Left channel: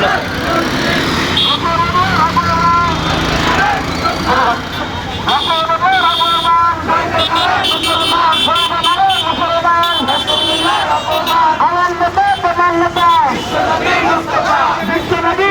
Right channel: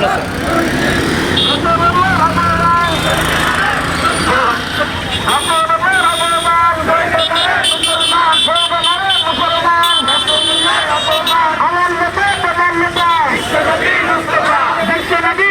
বলেছে বিশ্বনবী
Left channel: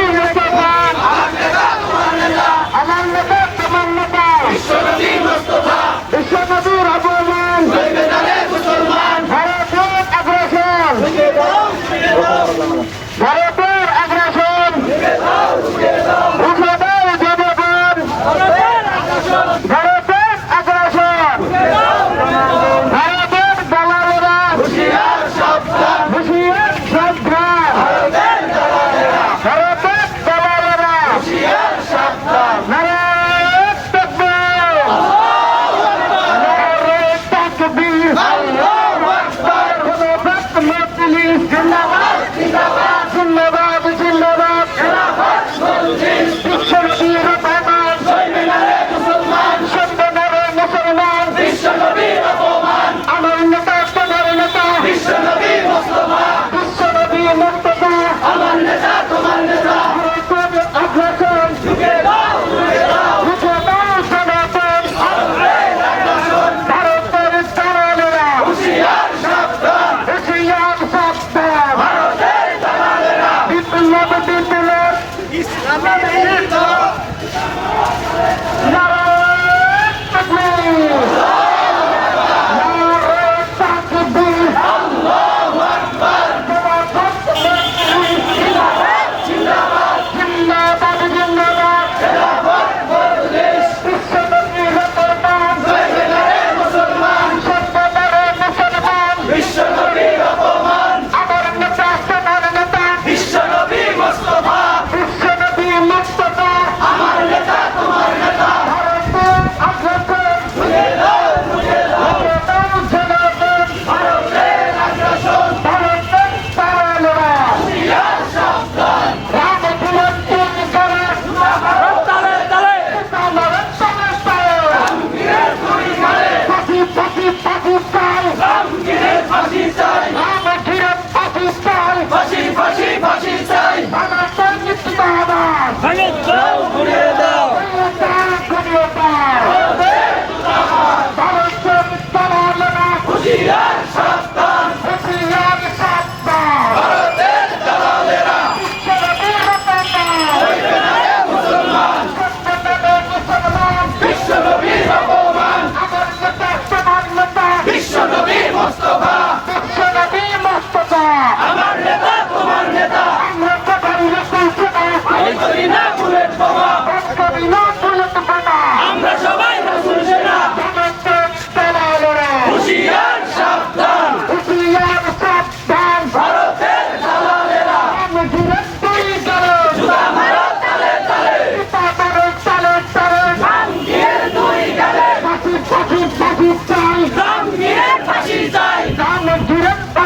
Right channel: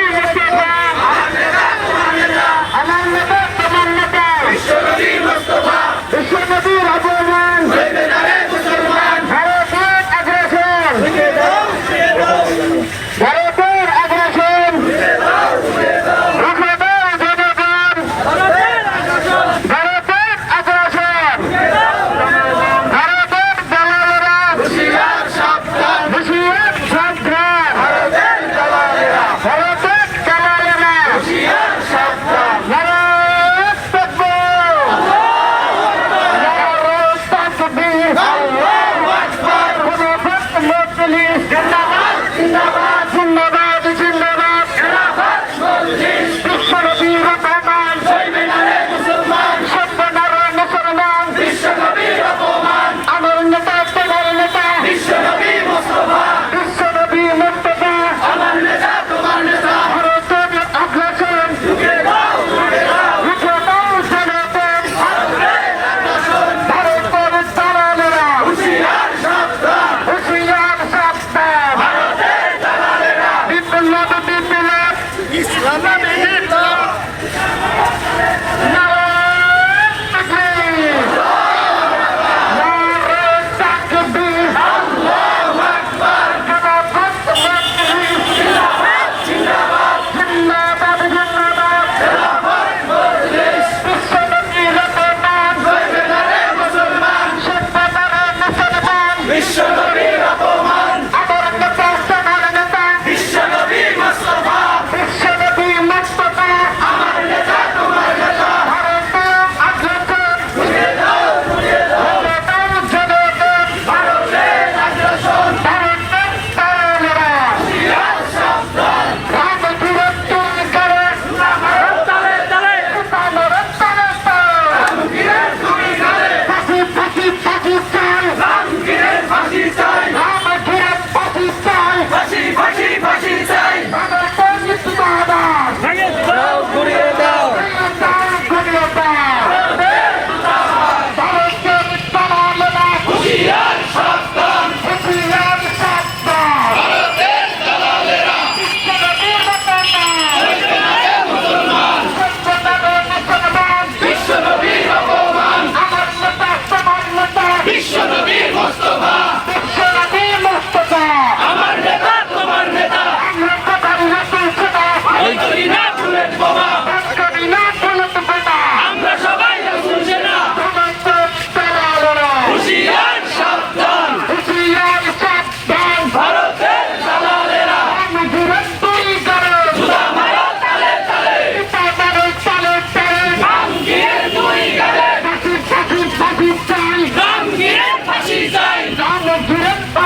চাই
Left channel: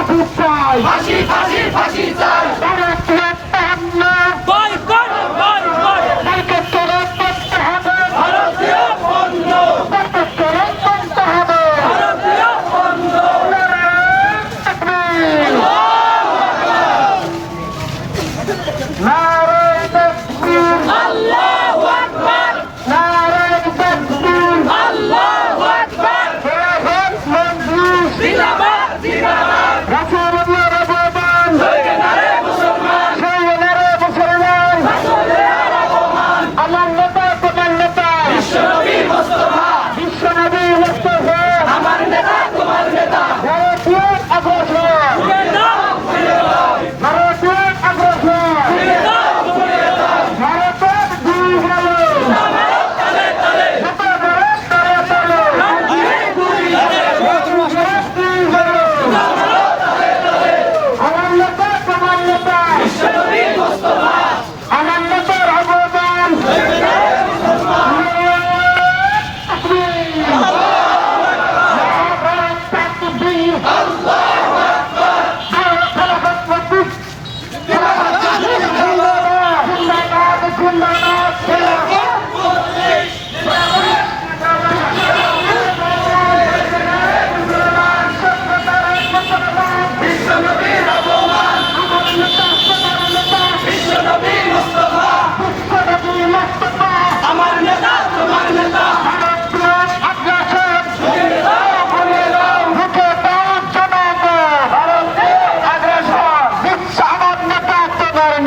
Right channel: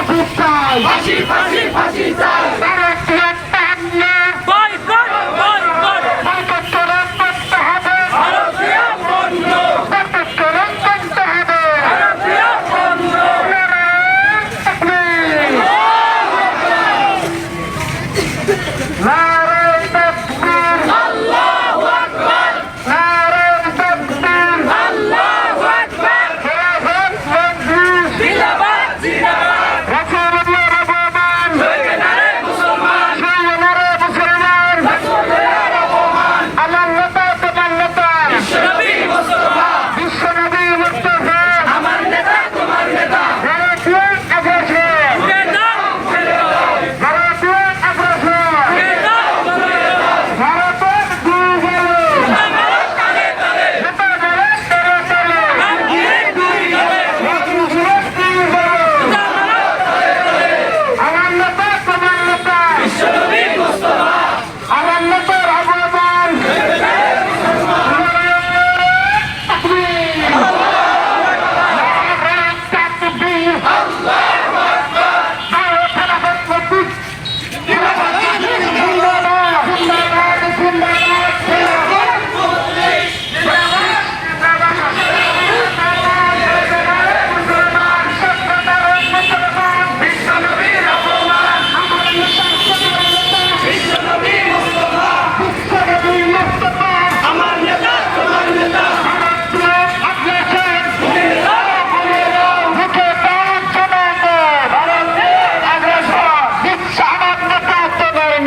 মুক্তায় ফাঁসি ফাঁসি ফাঁসি চাই।